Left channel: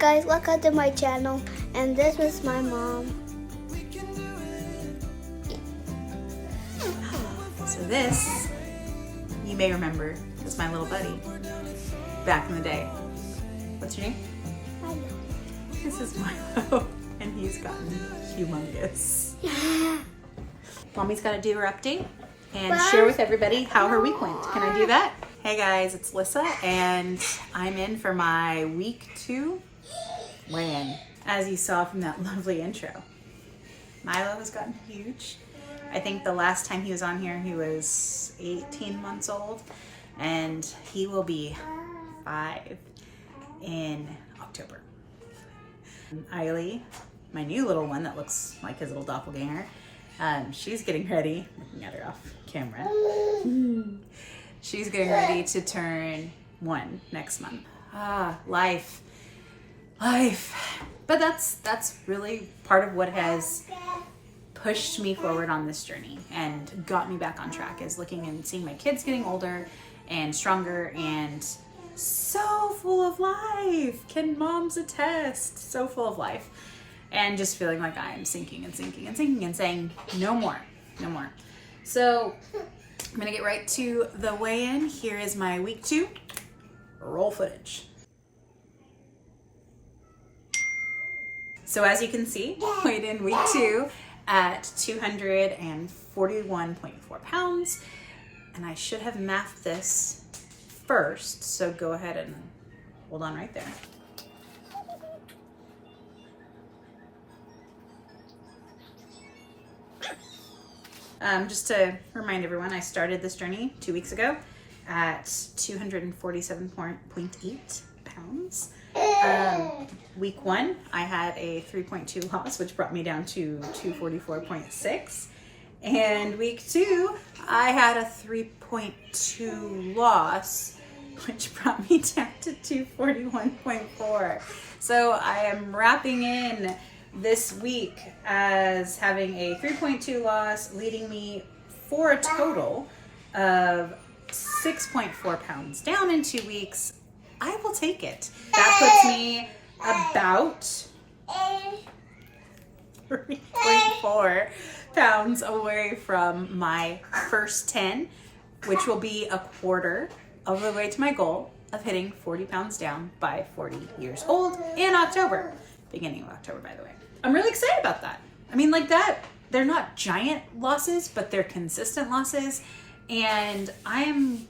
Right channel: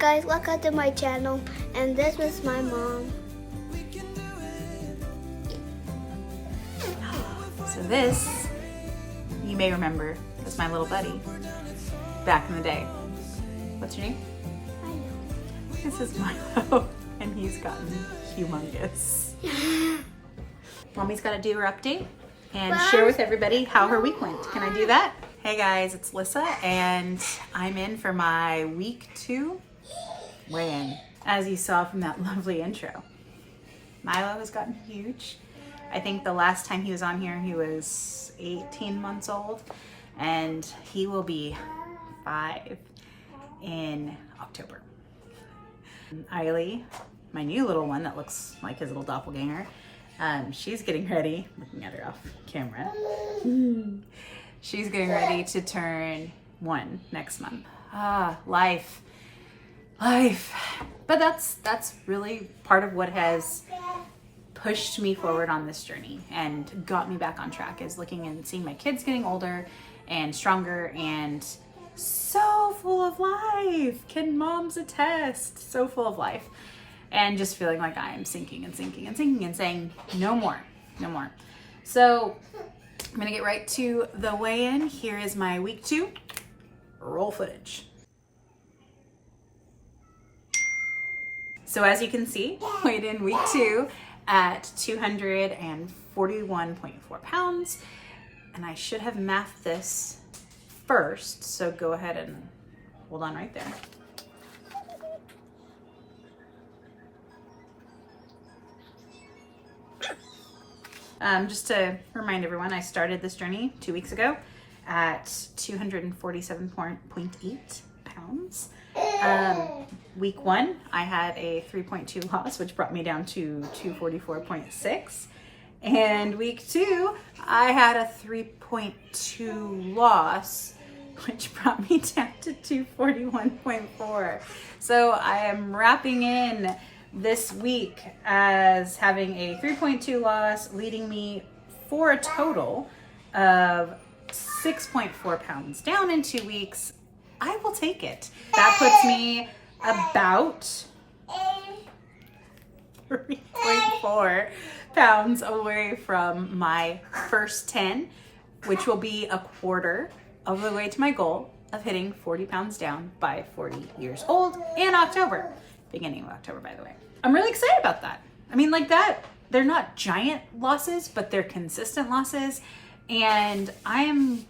guys, welcome to my channel, and this is my mom. So this, you may remember, was my little buddy back in the day. What's your name? I know. This is Milo, and he's gotten humongous. Mommy's got to do her update and share with everybody how her week went. Can I do that? Hey guys, it's Lyssah, and I'm in for my week 2 weigh-in. As you saw from that lovely intro, Milo has gotten huge. I think the last time he was on here, he was 18 months old, and he will be 5 in October. Eiley, my new little one that looks like his little doppelganger, she's getting ready, looking at her off camera. She's getting ready to turn 1 next month. Life. But that's really part of what has pushed me forward on this journey and got me back on track, is looking and seeing my kids getting older and stronger and so full of life. Can moms attest? So full of life. And just feeling like I am sinking and sinking and sinking and saying, no more, no more. So I'm gonna get right to the weigh-in. Here is my week 2 roll footage. So as you can see, weighed in week 2 at 241.4 pounds. And I should have mathed this first, so go ahead and hold on right there. Just to remind everyone, I started this journey 2 weeks ago at 247.8 pounds. Week 1, I had a 3.2 loss, which brought me down to 244.6. And week 2, I had a 3.2 loss, which brought me down to 241.4. So I am wrapping in this week as having a 3.2 loss, leading me for a total of 6.4 pounds down in 2 weeks. I will take it. That puts me about 3.4 pounds away from my first 10, which will be a quarter of the way to my goal of hitting 40 pounds down by 40 years old in October. Beginning of October, by the way. I'm really excited about that. I mean, like that, they're not giant losses, but they're consistent losses. And I am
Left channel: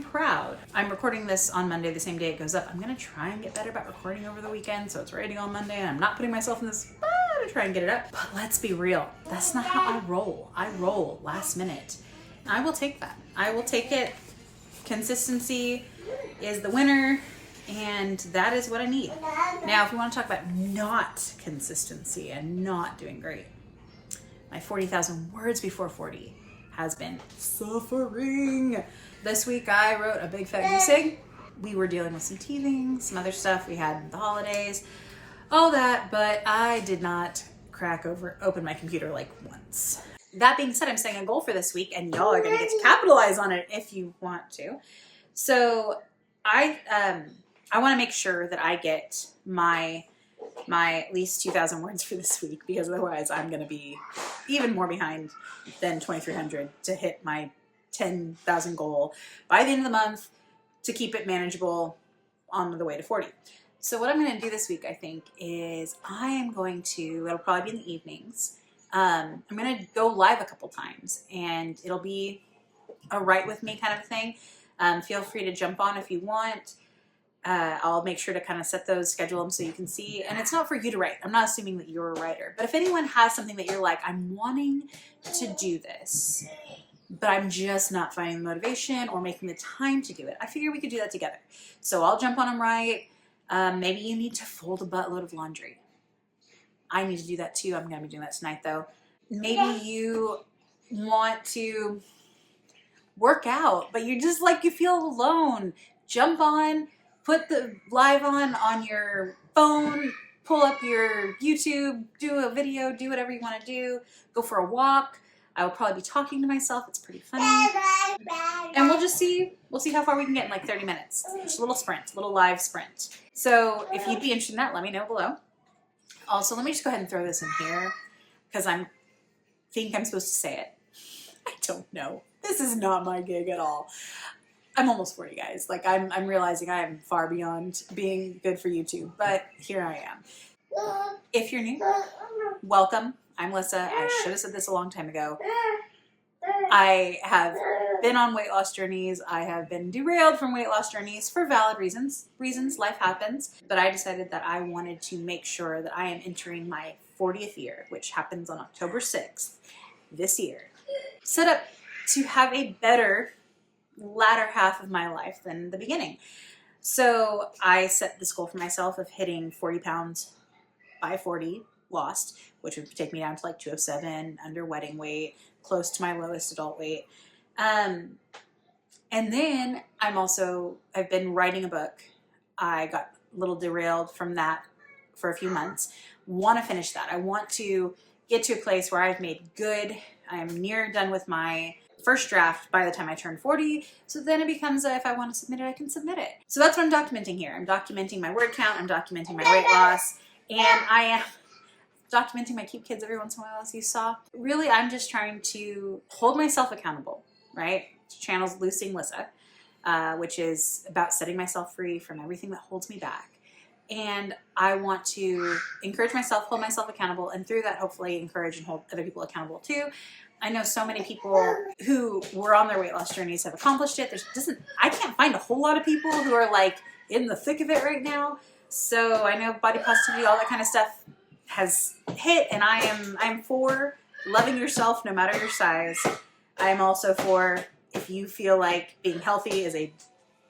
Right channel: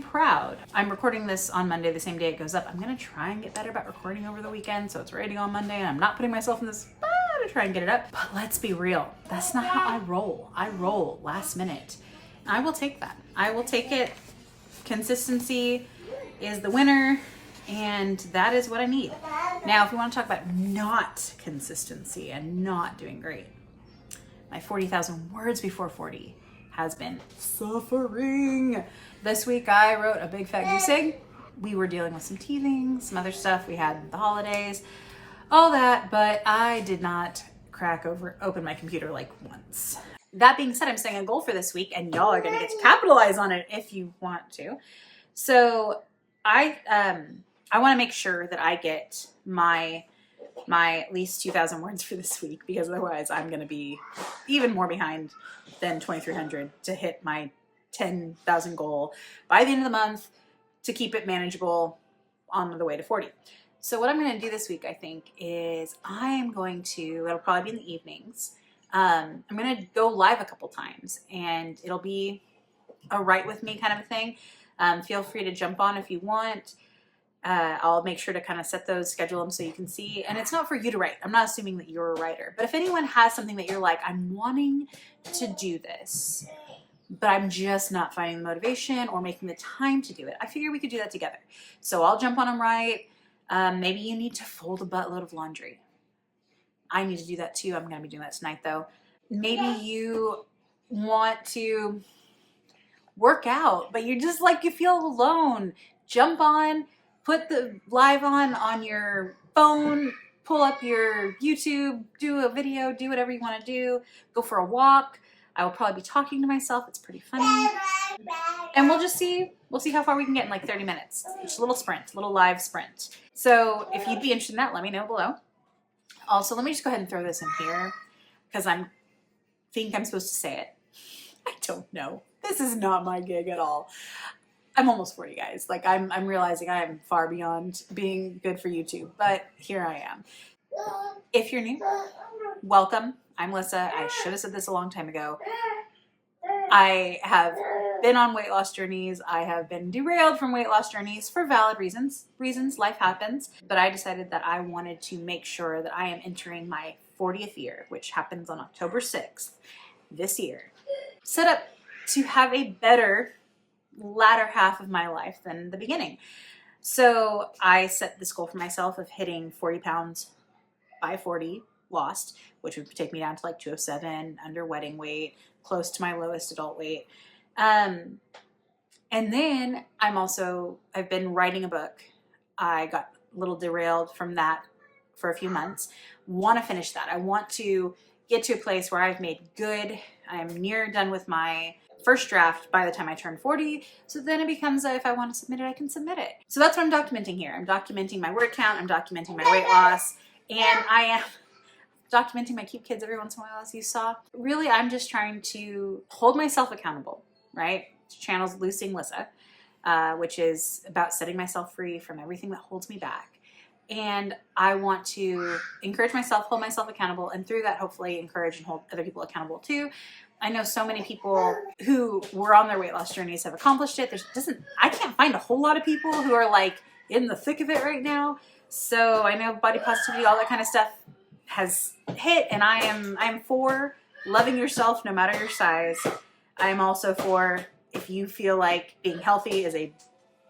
proud. I'm recording this on Monday, the same day it goes up. I'm gonna try and get better about recording over the weekend, so it's ready on Monday, and I'm not putting myself in this spot to try and get it up. But let's be real, that's not how I roll. I roll last minute. I will take that. I will take it. Consistency is the winner, and that is what I need. Now, if we want to talk about not consistency and not doing great, my 40,000 words before 40 has been suffering. This week I wrote a big fat goose egg. We were dealing with some teething, some other stuff. We had the holidays, all that, but I did not open my computer like once. That being said, I'm setting a goal for this week, and y'all are gonna get to capitalize on it if you want to. So I want to make sure that I get my at least 2,000 words for this week, because otherwise I'm going to be even more behind than 2,300 to hit my 10,000 goal by the end of the month to keep it manageable on the way to 40. So what I'm going to do this week, I think, is it'll probably be in the evenings. I'm going to go live a couple times, and it'll be a write with me kind of a thing. Feel free to jump on if you want. I'll make sure to kind of schedule them so you can see. And it's not for you to write. I'm not assuming that you're a writer. But if anyone has something that you're like, I'm wanting to do this, but I'm just not finding the motivation or making the time to do it, I figure we could do that together. So I'll jump on and write. Maybe you need to fold a buttload of laundry. I need to do that too. I'm going to be doing that tonight though. Maybe you want to work out, but you're just like, you feel alone. Jump on, put the live on your phone, pull up your YouTube, do a video, do whatever you want to do, go for a walk. I will probably be talking to myself. It's pretty funny. And we'll see how far we can get in like 30 minutes. Just a little sprint, a little live sprint. So if you'd be interested in that, let me know below. Also, let me just go ahead and throw this in here because think I'm supposed to say it. I don't know. This is not my gig at all. I'm almost 40, guys. Like I'm realizing I am far beyond being good for YouTube, but here I am. If you're new, welcome. I'm Lyssah. I should have said this a long time ago. I have been on weight loss journeys. I have been derailed from weight loss journeys for valid reasons. Life happens. But I decided that I wanted to make sure that I am entering my 40th year, which happens on October 6th this year. Set up to have a better latter half of my life than the beginning. So I set this goal for myself of hitting 40 pounds by 40 lost, which would take me down to like 207, under wedding weight, close to my lowest adult weight. And then I've been writing a book. I got a little derailed from that for a few months. Want to finish that. I want to get to a place where I've made good. I'm near done with my first draft by the time I turn 40. So then it becomes if I want to submit it, I can submit it. So that's what I'm documenting here. I'm documenting my word count. I'm documenting my weight loss. And I am documenting my cute kids every once in a while, as you saw. Really, I'm just trying to hold myself accountable, right? The channel's Loosing Lyssah, which is about setting myself free from everything that holds me back. And I want to encourage myself, hold myself accountable, and through that, hopefully encourage and hold other people accountable too. I know so many people who were on their weight loss journeys have accomplished it. I can't find a whole lot of people who are like in the thick of it right now. So I know body positivity, all that kind of stuff has hit, and I am for loving yourself no matter your size. I am also for, if you feel like being healthy is a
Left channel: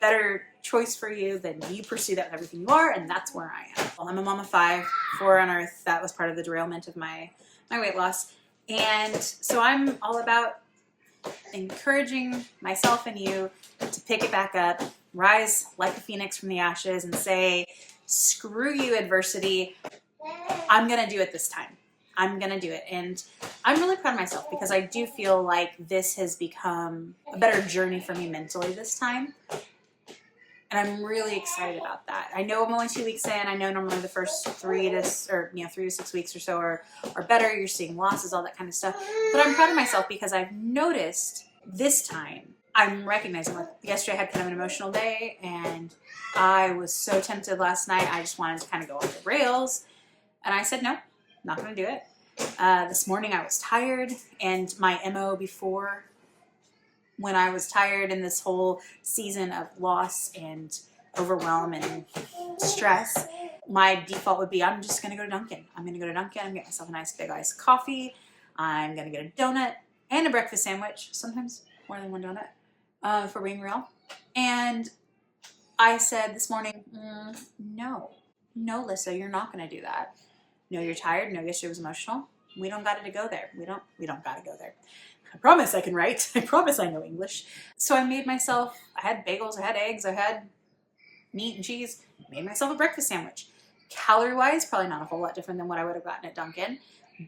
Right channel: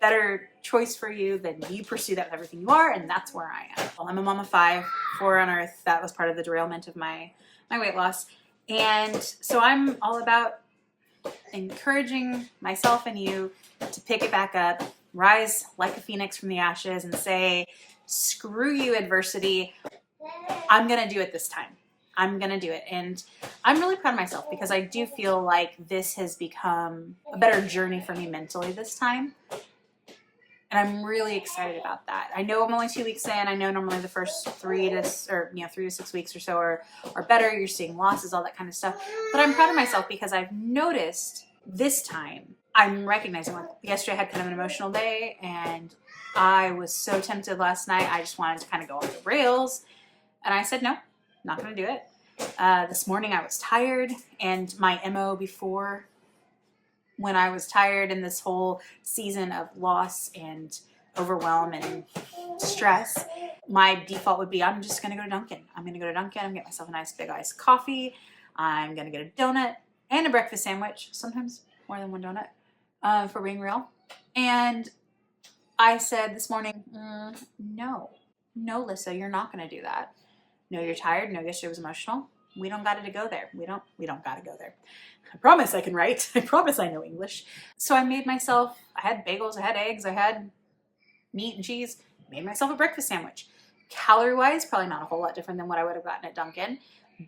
better choice for you, then you pursue that with everything you are, and that's where I am. Well, I'm a mom of 5, 4 on earth. That was part of the derailment of my weight loss. And so I'm all about encouraging myself and you to pick it back up, rise like a phoenix from the ashes, and say, screw you, adversity. I'm going to do it this time. I'm going to do it. And I'm really proud of myself because I do feel like this has become a better journey for me mentally this time. And I'm really excited about that. I know I'm only 2 weeks in. I know normally the first 3 to 6 weeks or so are better. You're seeing losses, all that kind of stuff. But I'm proud of myself because I've noticed this time I'm recognizing, like yesterday I had kind of an emotional day and I was so tempted last night. I just wanted to kind of go off the rails. And I said, no, not going to do it. This morning I was tired, and my MO before, when I was tired in this whole season of loss and overwhelm and stress, my default would be, I'm just going to go to Dunkin'. I'm going to go to Dunkin'. I'm going to get myself a nice big iced coffee. I'm going to get a donut and a breakfast sandwich, sometimes more than one donut, for being real. And I said this morning, no, Lyssah, you're not going to do that. No, you're tired. No, yesterday was emotional. We don't got to go there. We don't got to go there. I promise I can write. I promise I know English. So I made myself, I had bagels, I had eggs, I had meat and cheese, made myself a breakfast sandwich. Calorie-wise, probably not a whole lot different than what I would have gotten at Dunkin',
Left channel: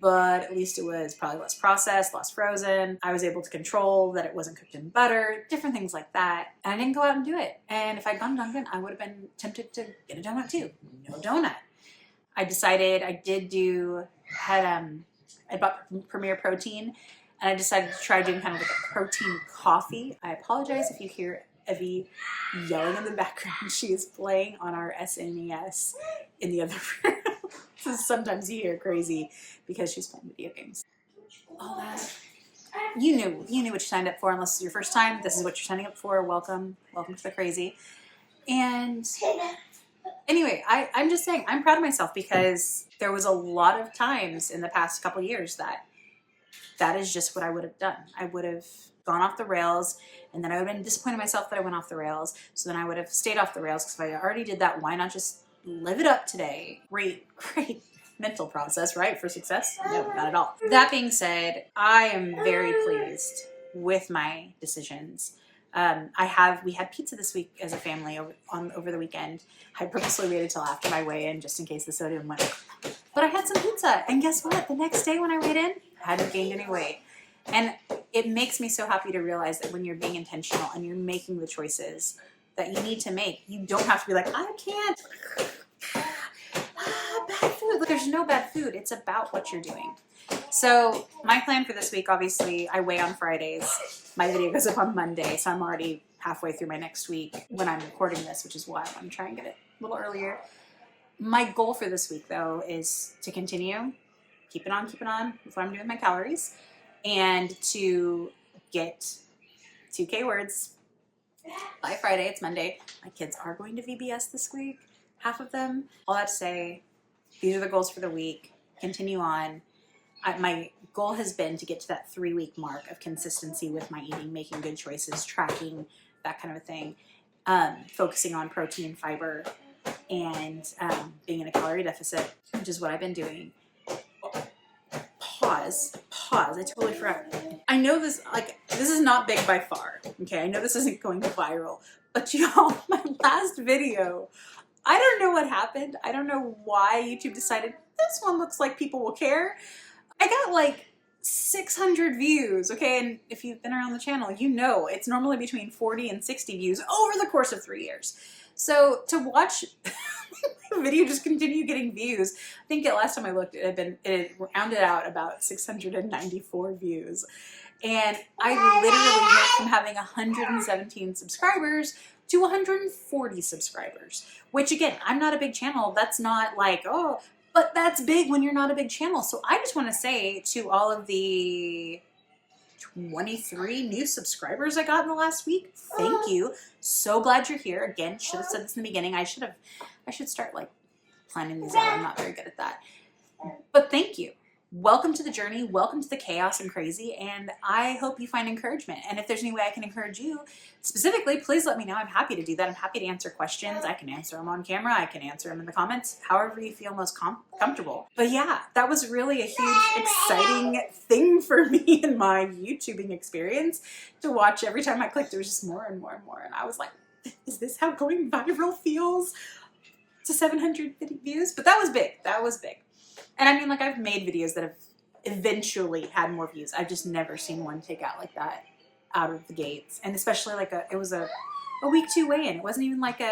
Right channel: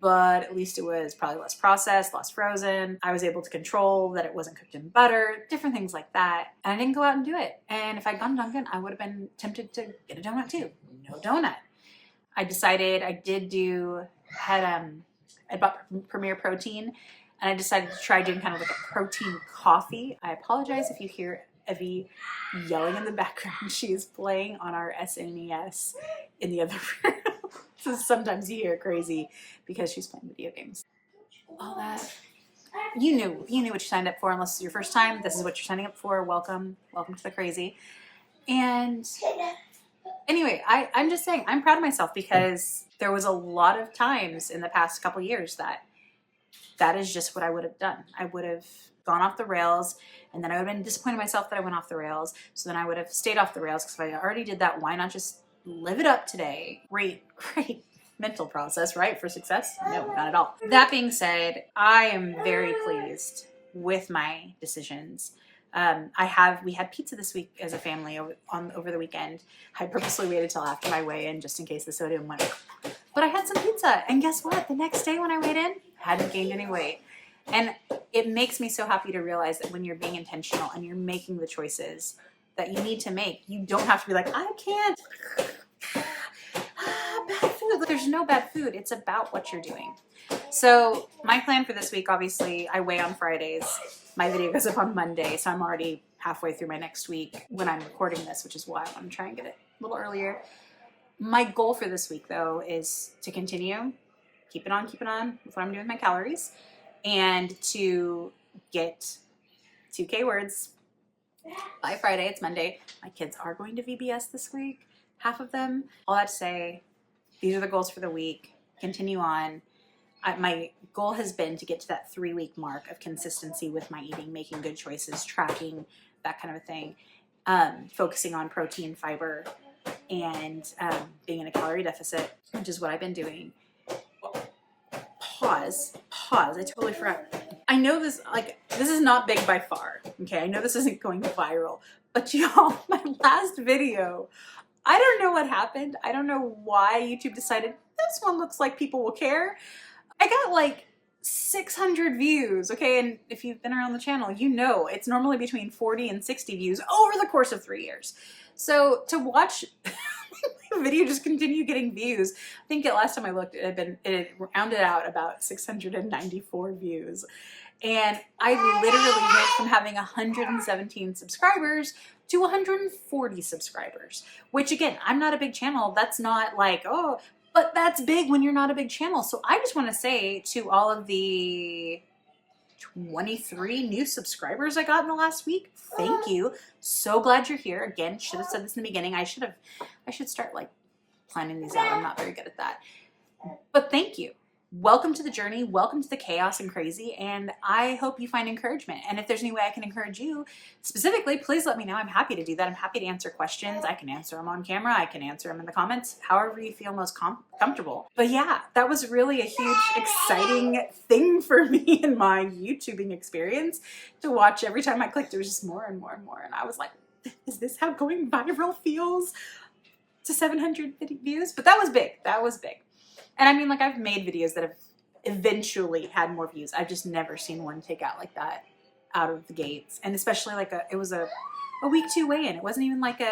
but at least it was probably less processed, less frozen. I was able to control that it wasn't cooked in butter, different things like that. And I didn't go out and do it. And if I'd gone to Dunkin', I would have been tempted to get a donut too. No donut. I decided I bought Premier Protein, and I decided to try doing kind of like a protein coffee. I apologize if you hear Evie yelling in the background. She is playing on our SNES in the other room. So sometimes you hear crazy because she's playing video games. All that. You knew what you signed up for, unless it's your first time. This is what you're signing up for. Welcome to the crazy. And anyway, I'm just saying, I'm proud of myself because there was a lot of times in the past couple years that is just what I would have done. I would have gone off the rails, and then I would have been disappointed in myself that I went off the rails. So then I would have stayed off the rails, because if I already did that, why not just live it up today? Great mental process, right? For success? No, not at all. That being said, I am very pleased with my decisions. We had pizza this week as a family over the weekend. I purposely waited till after my weigh-in just in case the sodium went. But I had some pizza, and guess what? The next day when I weighed in, I hadn't gained any weight. And it makes me so happy to realize that when you're being intentional and you're making the choices that you need to make, you don't have to be like, I can't. Bad food. There's no bad food. It's about what you're doing. So my plan for this week, obviously, I weigh on Fridays. My video goes up on Monday, so I'm already halfway through my next week when I'm recording this, which is why I want to try and get it a little earlier. My goal for this week, though, is to continue, keep it on with what I'm doing with my calories, and to get 2K words by Friday. It's Monday. My kids are going to VBS this week, half of them. All that to say, these are the goals for the week. Continue on. My goal has been to get to that 3-week mark of consistency with my eating, making good choices, tracking, that kind of a thing, focusing on protein, fiber, and being in a calorie deficit, which is what I've been doing. Pause, I totally forgot. I know this is not big by far, okay? I know this isn't going viral, but y'all, my last video, I don't know what happened. I don't know why YouTube decided this one looks like people will care. I got like 600 views, okay? And if you've been around the channel, you know it's normally between 40 and 60 views over the course of 3 years. So to watch my video just continue getting views, I think the last time I looked, it rounded out about 694 views. And I literally went from having 117 subscribers to 140 subscribers, which again, I'm not a big channel. That's not like, oh, but that's big when you're not a big channel. So I just want to say to all of the 23 new subscribers I got in the last week, thank you. So glad you're here. Again, should have said this in the beginning. I should start like planning these out. I'm not very good at that. But thank you. Welcome to the journey. Welcome to the chaos and crazy. And I hope you find encouragement. And if there's any way I can encourage you specifically, please let me know. I'm happy to do that. I'm happy to answer questions. I can answer them on camera. I can answer them in the comments, however you feel most comfortable. But yeah, that was really a huge, exciting thing for me in my YouTubing experience to watch. Every time I clicked, there was just more and more and more. And I was like, is this how going viral feels? To 700 views? But that was big. That was big. And I mean, like, I've made videos that have eventually had more views. I've just never seen one take out like that out of the gates. And especially like it was a week 2 weigh-in. It wasn't even like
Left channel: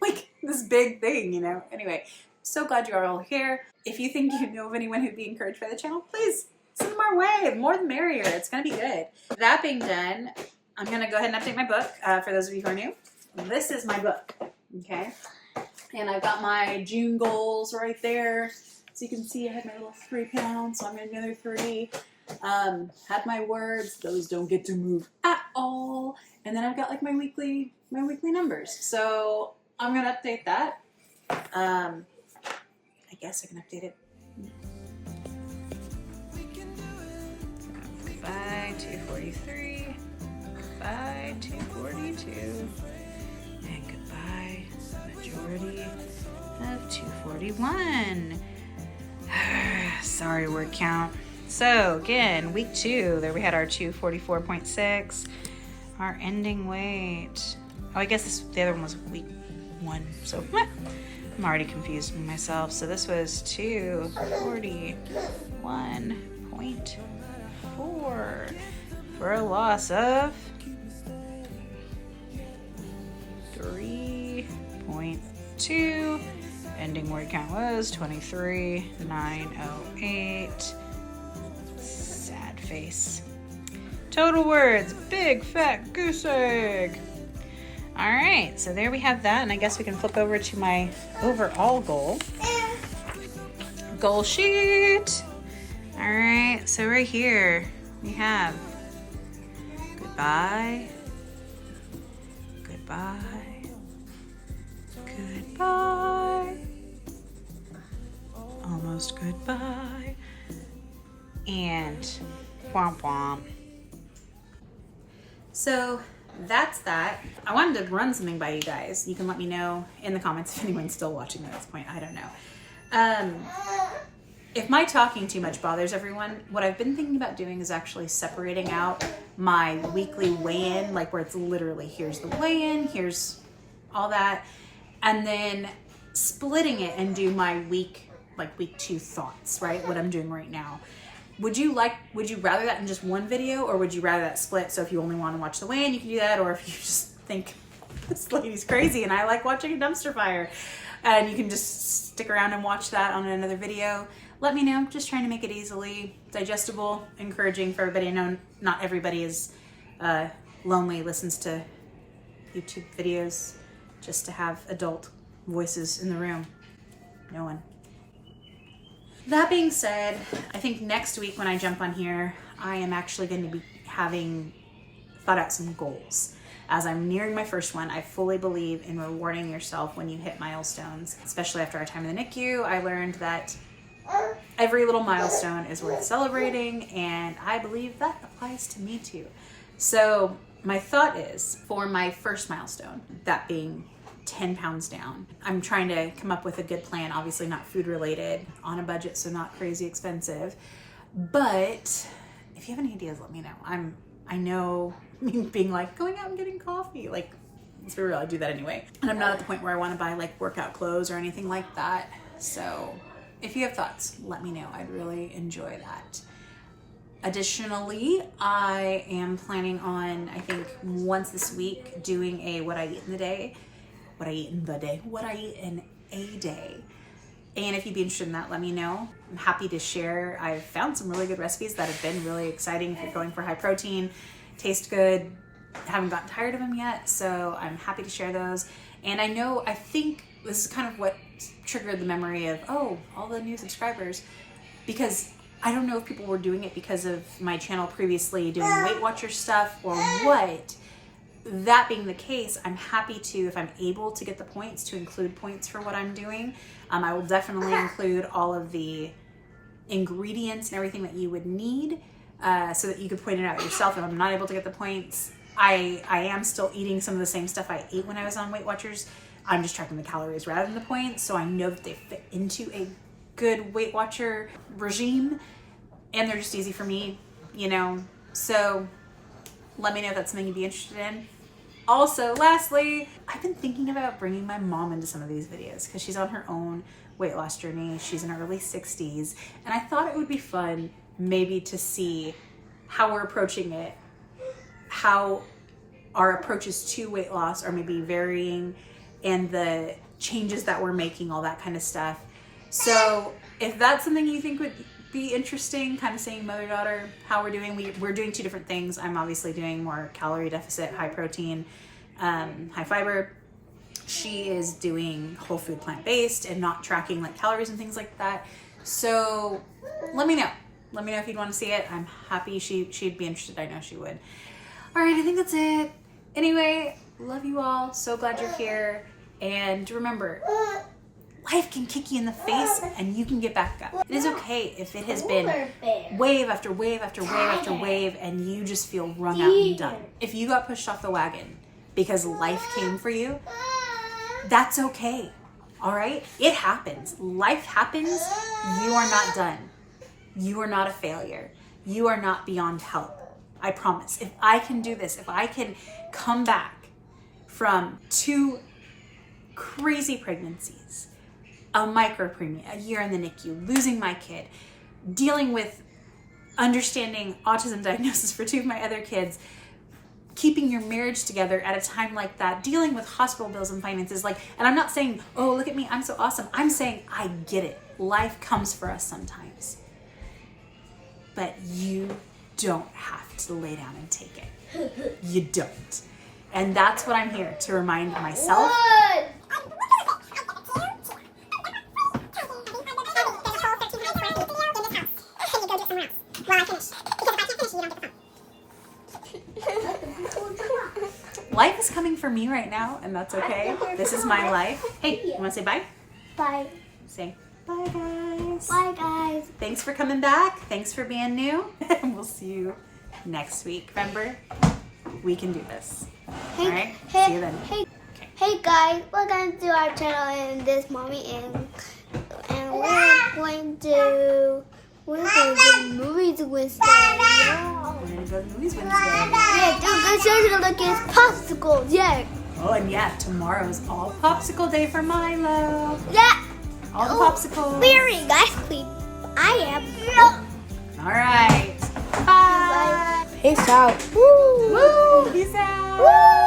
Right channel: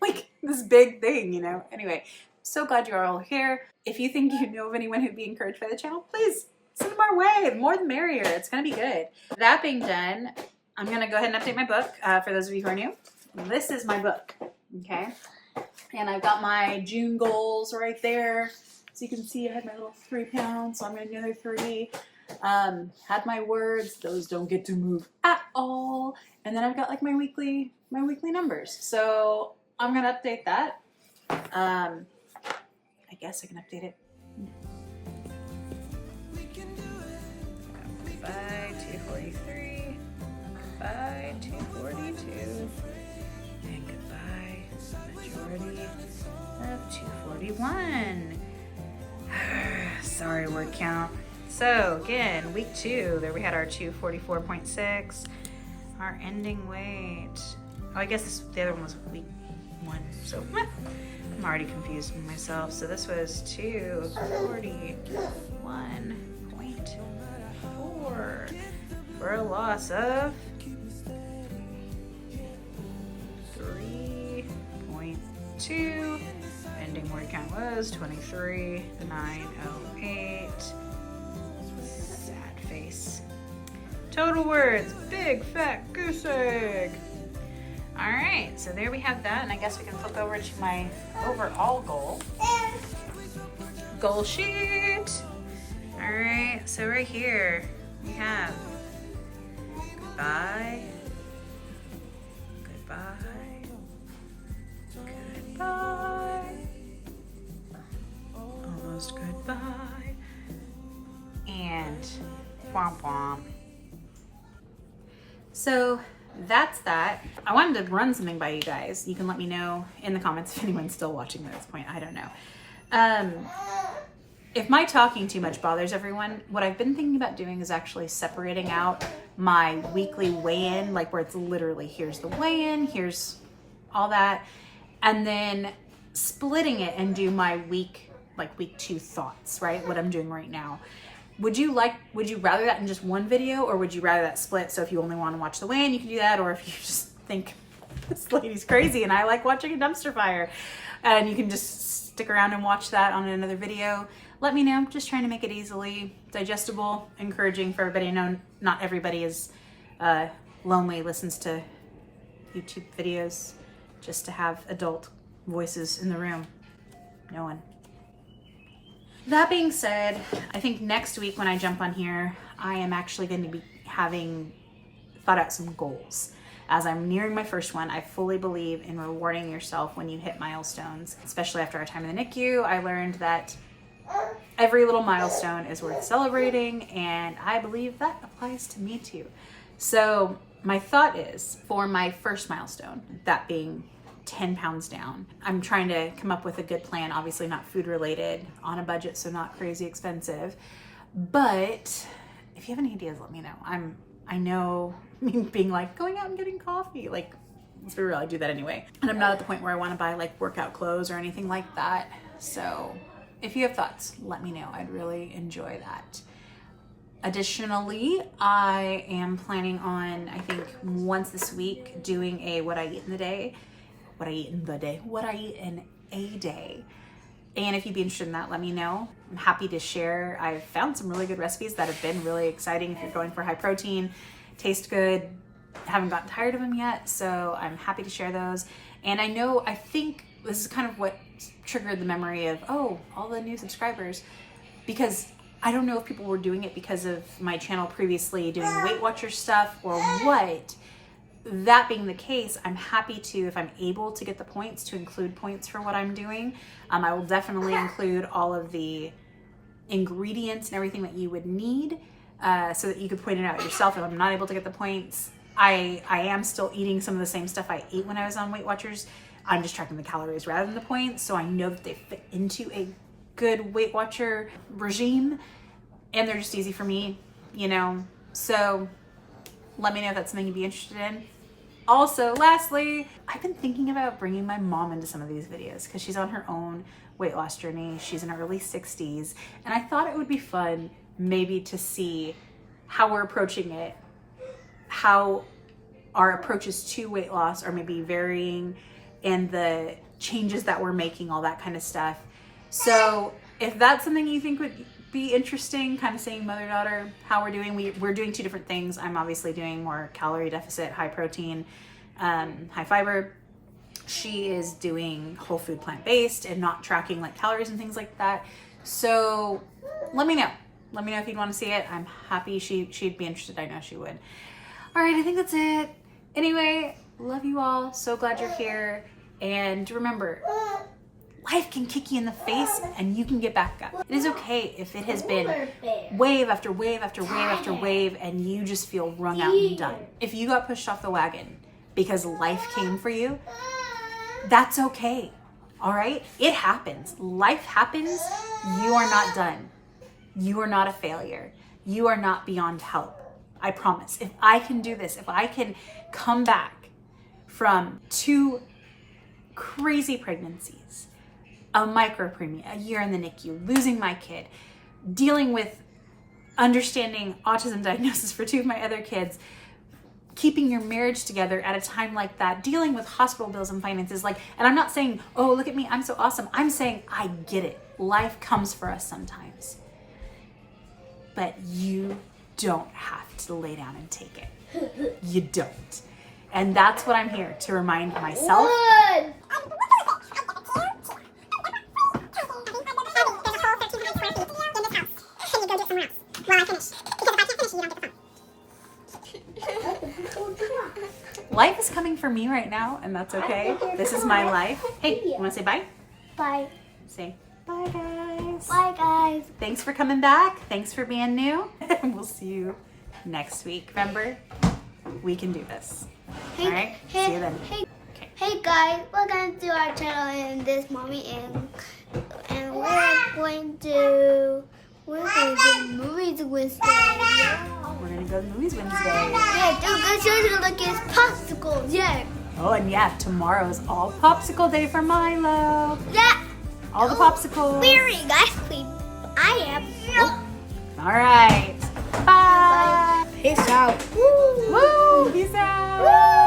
like this big thing, you know? Anyway, so glad you are all here. If you think you know of anyone who'd be encouraged by the channel, please send them our way. The more the merrier. It's going to be good. That being done, I'm going to go ahead and update my book. For those of you who are new, this is my book, okay? And I've got my June goals right there. So you can see I had my little 3 pounds, so I'm going to do another 3. Had my words, those don't get to move at all. And then I've got like my weekly numbers. So I'm going to update that. I guess I can update it. Goodbye, 243. Goodbye, 242. And goodbye, majority of 241. Sorry, word count. So again, week 2, there we had our 244.6. Our ending weight. Oh, I guess the other one was week 1. So I'm already confused with myself. So this was 241.4 for a loss of 3.2. Ending word count was 23,908. Sad face. Total words, big fat goose egg. All right, so there we have that, and I guess we can flip over to my overall goal sheet. All right, so right here we have goodbye, goodbye, goodbye, almost goodbye, and womp womp. So that's that. I wanted to run something by you guys. You can let me know in the comments if anyone's still watching at this point. I don't know. If my talking too much bothers everyone, what I've been thinking about doing is actually separating out my weekly weigh-in, like where it's literally here's the weigh-in, here's all that, and then splitting it and do my week 2 thoughts, right? What I'm doing right now. would you rather that in just one video, or would you rather that split? So if you only want to watch the weigh-in, you can do that, or if you just think this lady's crazy and I like watching a dumpster fire, and you can just stick around and watch that on another video, let me know. I'm just trying to make it easily digestible, encouraging for everybody. I know not everybody is lonely, listens to YouTube videos just to have adult voices in the room. No one. That being said, I think next week when I jump on here, I am actually going to be having thought out some goals. As I'm nearing my first one, I fully believe in rewarding yourself when you hit milestones. Especially after our time in the NICU, I learned that every little milestone is worth celebrating, and I believe that applies to me too. So my thought is, for my first milestone, that being 10 pounds down, I'm trying to come up with a good plan, obviously not food related, on a budget, so not crazy expensive. But if you have any ideas, let me know. I know, being like going out and getting coffee, like, let's be real, I do that anyway. And I'm not at the point where I want to buy like workout clothes or anything like that. So if you have thoughts, let me know. I'd really enjoy that. Additionally, I am planning on, I think once this week, doing a what I eat in a day. And if you'd be interested in that, let me know. I'm happy to share. I've found some really good recipes that have been really exciting if you're going for high protein, taste good, haven't gotten tired of them yet. So I'm happy to share those. And I think this is kind of what triggered the memory of, oh, all the new subscribers, because I don't know if people were doing it because of my channel previously doing Weight Watcher stuff or what. That being the case, I'm happy to, if I'm able to get the points, to include points for what I'm doing. I will definitely include all of the ingredients and everything that you would need so that you could point it out yourself. If I'm not able to get the points, I am still eating some of the same stuff I ate when I was on Weight Watchers. I'm just tracking the calories rather than the points, so I know that they fit into a good Weight Watcher regime, and they're just easy for me, you know. So let me know if that's something you'd be interested in. Also, lastly, I've been thinking about bringing my mom into some of these videos because she's on her own weight loss journey. She's in her early 60s, and I thought it would be fun maybe to see how we're approaching it, how our approaches to weight loss are maybe varying, and the changes that we're making, all that kind of stuff. So if that's something you think would be interesting, kind of seeing mother-daughter, how we're doing. We're doing two different things. I'm obviously doing more calorie deficit, high protein, high fiber. She is doing whole food plant-based and not tracking like calories and things like that. So let me know. Let me know if you'd want to see it. I'm happy she'd be interested. I know she would. All right, I think that's it. Anyway, love you all. So glad you're here. And remember, life can kick you in the face and you can get back up. It is okay if it has been wave after wave after wave after wave and you just feel wrung out and done. If you got pushed off the wagon because life came for you, that's okay. All right? It happens. Life happens. You are not done. You are not a failure. You are not beyond help. I promise. If I can do this, if I can come back from 2 crazy pregnancies, a micropreemie, a year in the NICU, losing my kid, dealing with understanding autism diagnosis for 2 of my other kids, keeping your marriage together at a time like that, dealing with hospital bills and finances, and I'm not saying, oh, look at me, I'm so awesome. I'm saying I get it. Life comes for us sometimes. But you don't have to lay down and take it. You don't. And that's what I'm here to remind myself. Life is coming for me right now, and that's okay. This is my life. Hey, you want to say bye? Bye. Say bye, guys. Bye, guys. Thanks for coming back. Thanks for being new. And we'll see you next week. Remember, we can do this. All right? See you then. Hey guys, we're going to do our channel in this mommy and we're going to movies Wednesday. Yeah. We're going to go to the movies Wednesday. Yeah, dude, good show to look at popsicles. Yeah. Oh, and yeah, tomorrow's all popsicle day for Milo. Yeah. All the popsicles. Very ice cream. I am. Oh, All right. Bye. Peace out. Woo! Peace out. Woo!